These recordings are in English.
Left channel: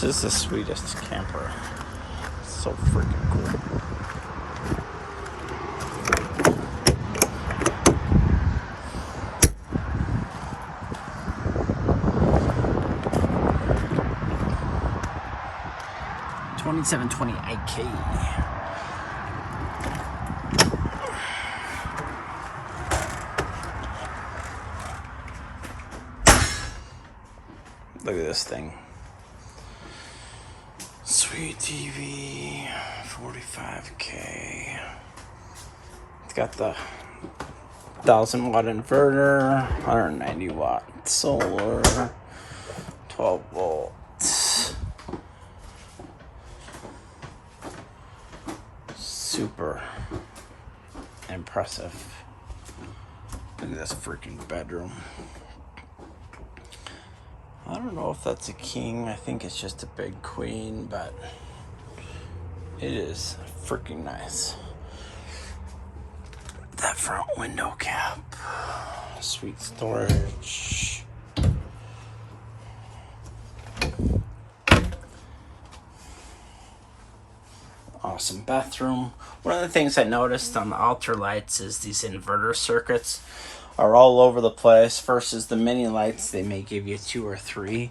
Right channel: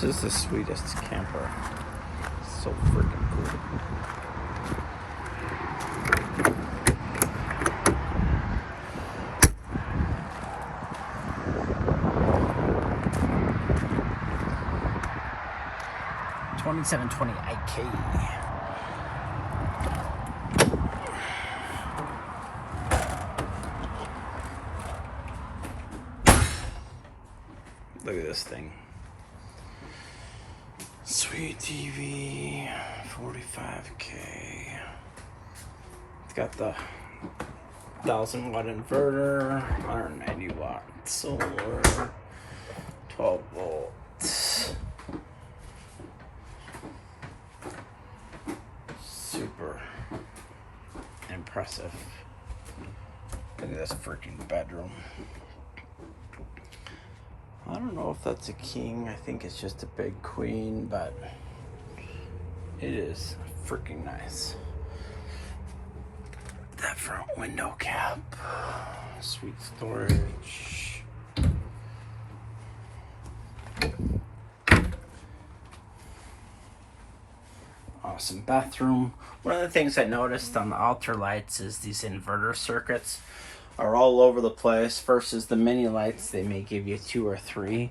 This is the sweetest camper. So freaking cool. $2,720 IK. Look at this thing. Sweet TV, 45K. It's got the 1,000-watt inverter, 190-watt solar, 12 volts. Super impressive. Look at this freaking bedroom. I don't know if that's a king. I think it's just a big queen, but it is freaking nice. That front window cap. Sweet storage. Awesome bathroom. One of the things I noticed on the Lights is these inverter circuits are all over the place versus the mini lights. They may give you 2 or 3,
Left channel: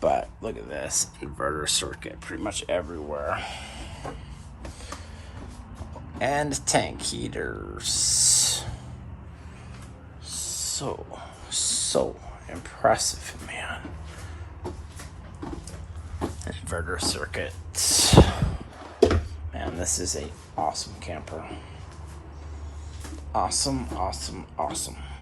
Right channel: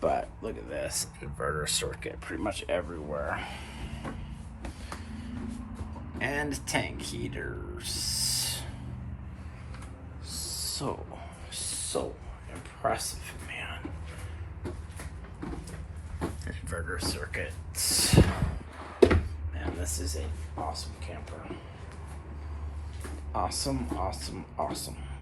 but look at this inverter circuit pretty much everywhere. And tank heaters. So impressive, man. Inverter circuit. Man, this is an awesome camper. Awesome.